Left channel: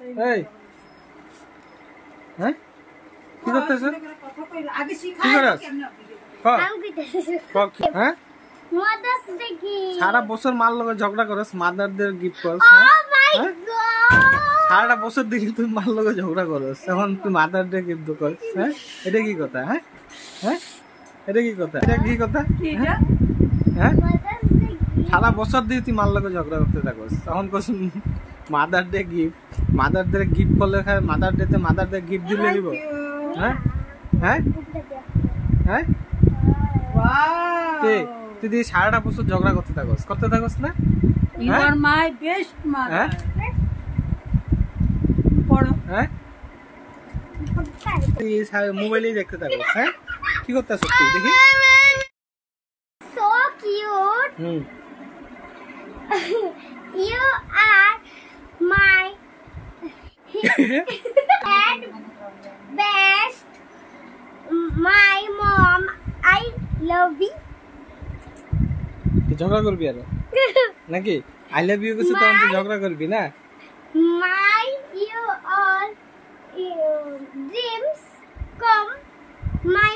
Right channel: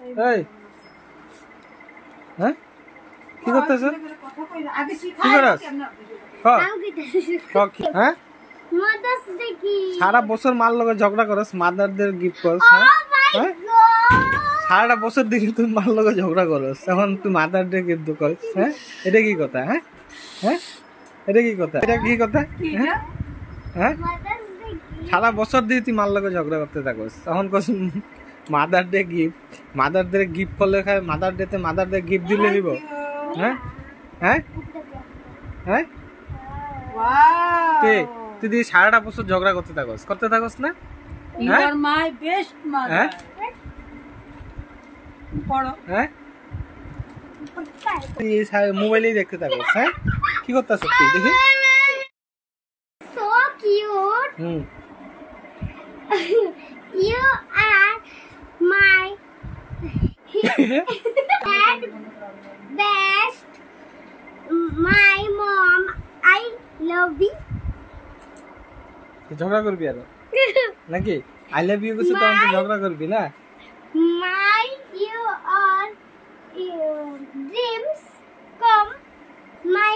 এই হ্যাঁ কি করতেছ? আগে শিখা কি করছ? হ্যাঁ সারা বছর মার লগে ঝগড়া করস, মাদারদের গিফট করস। হ্যাঁ সারাটা বছর দিকে তুই মার লগে ঝগড়া করস, এখন তুই মাদারদের গিফট করস। হ্যাঁ এটা কি কথা? হ্যাঁ হ্যাঁ এটা কি কথা? এটা কি কথা? হ্যাঁ সারা বছর দিয়ে তুই মার লগে ঝগড়া করতে থাকস, তখন কস mother day gift. Mother day gift করলে খায়, মাদার ডে তে মাদার ডে গিফট দিলে দিব? হ্যাঁ হ্যাঁ হ্যাঁ তুই দিয়ে সারাটা বছর ঝগড়া করতে থাকস না? You are my best mother. পড়ো। হ্যাঁ তুই মোবাইলেই দেখতে থাকস। হ্যাঁ কি করতেছ তুই দেখি? So cute. You are my best. My mom, I love you. ঝগড়া করবি আর নাকি? আই লাভ ইউ কিছু তখন তুই ঝগড়া করবি না? My you are dreams come. My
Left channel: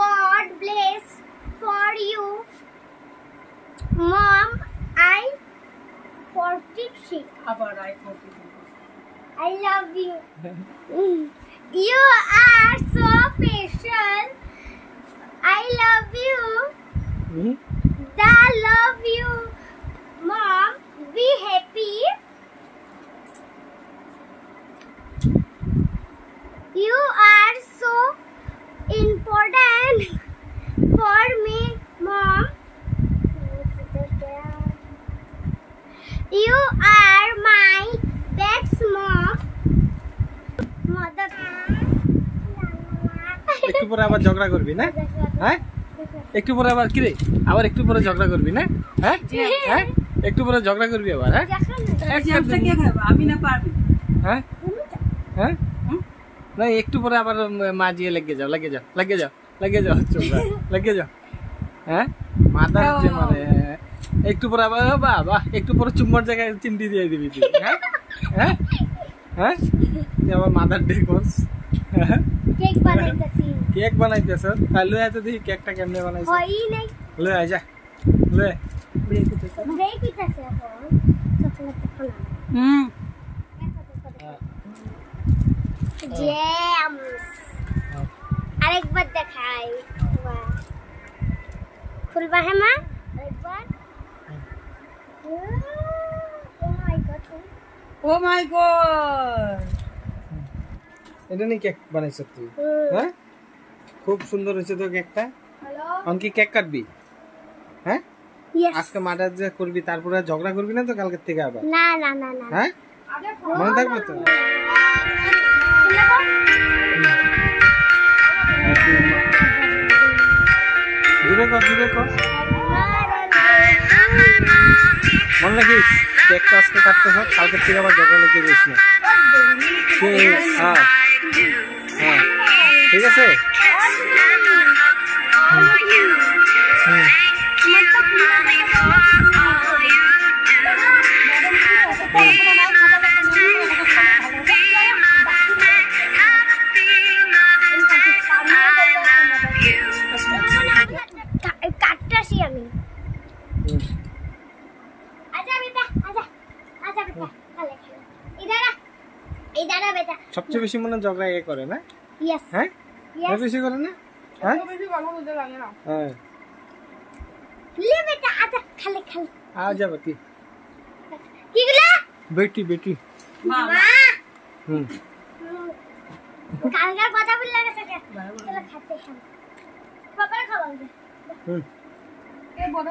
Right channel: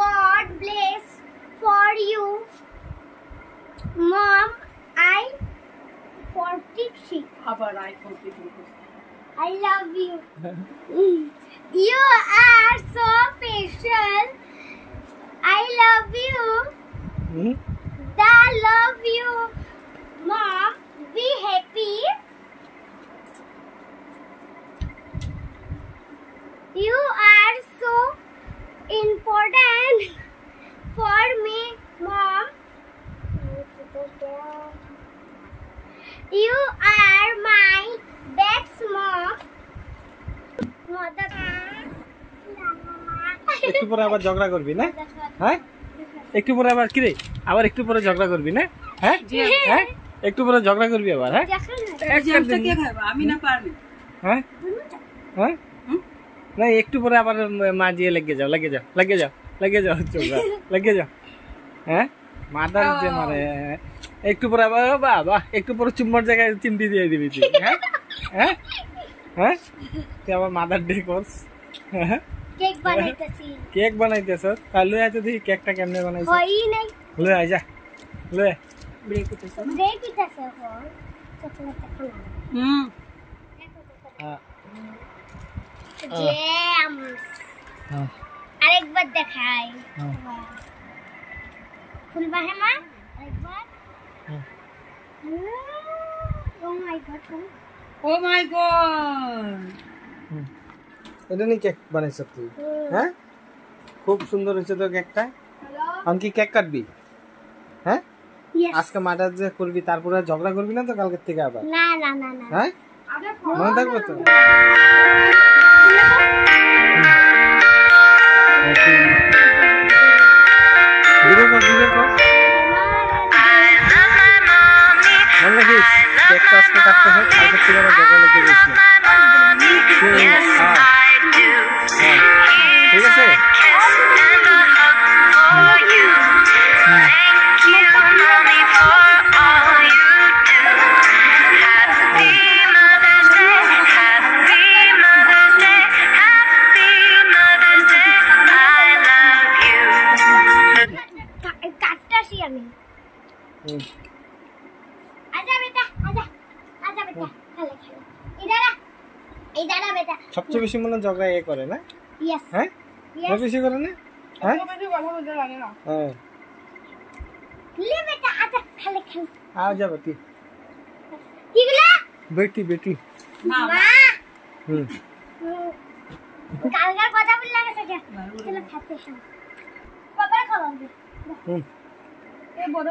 God bless for you. Mom, I 46. আবার I 46. I love you. You are so special. I love you. I love you. Mom, be happy. You are so important for me, Mom. You are my best mom. Mother. একটু পরে আবার ঝগড়া করবি না? হ্যাঁ একটু পরে আবার কি রে, আবার একটু পরে ঝগড়া করবি না? হ্যাঁ হ্যাঁ একটু পরে ঝগড়া করবি আবার? হ্যাঁ এক্সামটা কে খাবে? আমি না পারবি? হ্যাঁ হ্যাঁ না একটু পরে আবার মা দিয়ে লেগে যাও চোখা লেগে যাও। হ্যাঁ মাদার যে মারে একটু পরে আবার বাবা একটু পরে চুম্বর জায়গায় চিমটি দিয়ে দিবি তুই। হ্যাঁ হ্যাঁ হ্যাঁ তুই আবার মাদার ডে করস। কেক বানাইতেছ? তাহলে এত দেখি কেকটা কেমনে বানাইছ? লে আই যা লে ব্রেক হইতেছে না? আরেকবার দেখাই। খুলবা হ্যাঁ মা আরেকবার? Oh my god! এটা নিয়ে কেক বানাইছ তুই? হ্যাঁ খুব সুন্দর হয়েছে তো কেকটা। এখন কি কেক কাটবি? হ্যাঁ আজকে মাদার ডে করবি, তারপরে ঝগড়া করবি না তো কালকের থেকে আবার? না না না না। হ্যাঁ মনে থাকবে তো? মনে রাখিস কেকটা আজকে কাটতে হয়, কালকের থেকে আবার ঝগড়া লেগে গেছিস না। হ্যাঁ হ্যাঁ ঠিক আছে। কাটতাছি আমি। আজা বেটা আজা বেটা খেলে ইদারা বেটা। সবচেয়ে বেশি মনে ঝগড়া এ করে না? ইয়েস হ্যাঁ বেশি করে না? হ্যাঁ বেশি কথা বলতে লাগে না। হ্যাঁ লে বেটা আজা খেলে আ যা বেটি কি গলা বেটি মা কালকের কথা বললে না সকে চলো খাতে শাম বাবা খাওয়াবে। এ বড়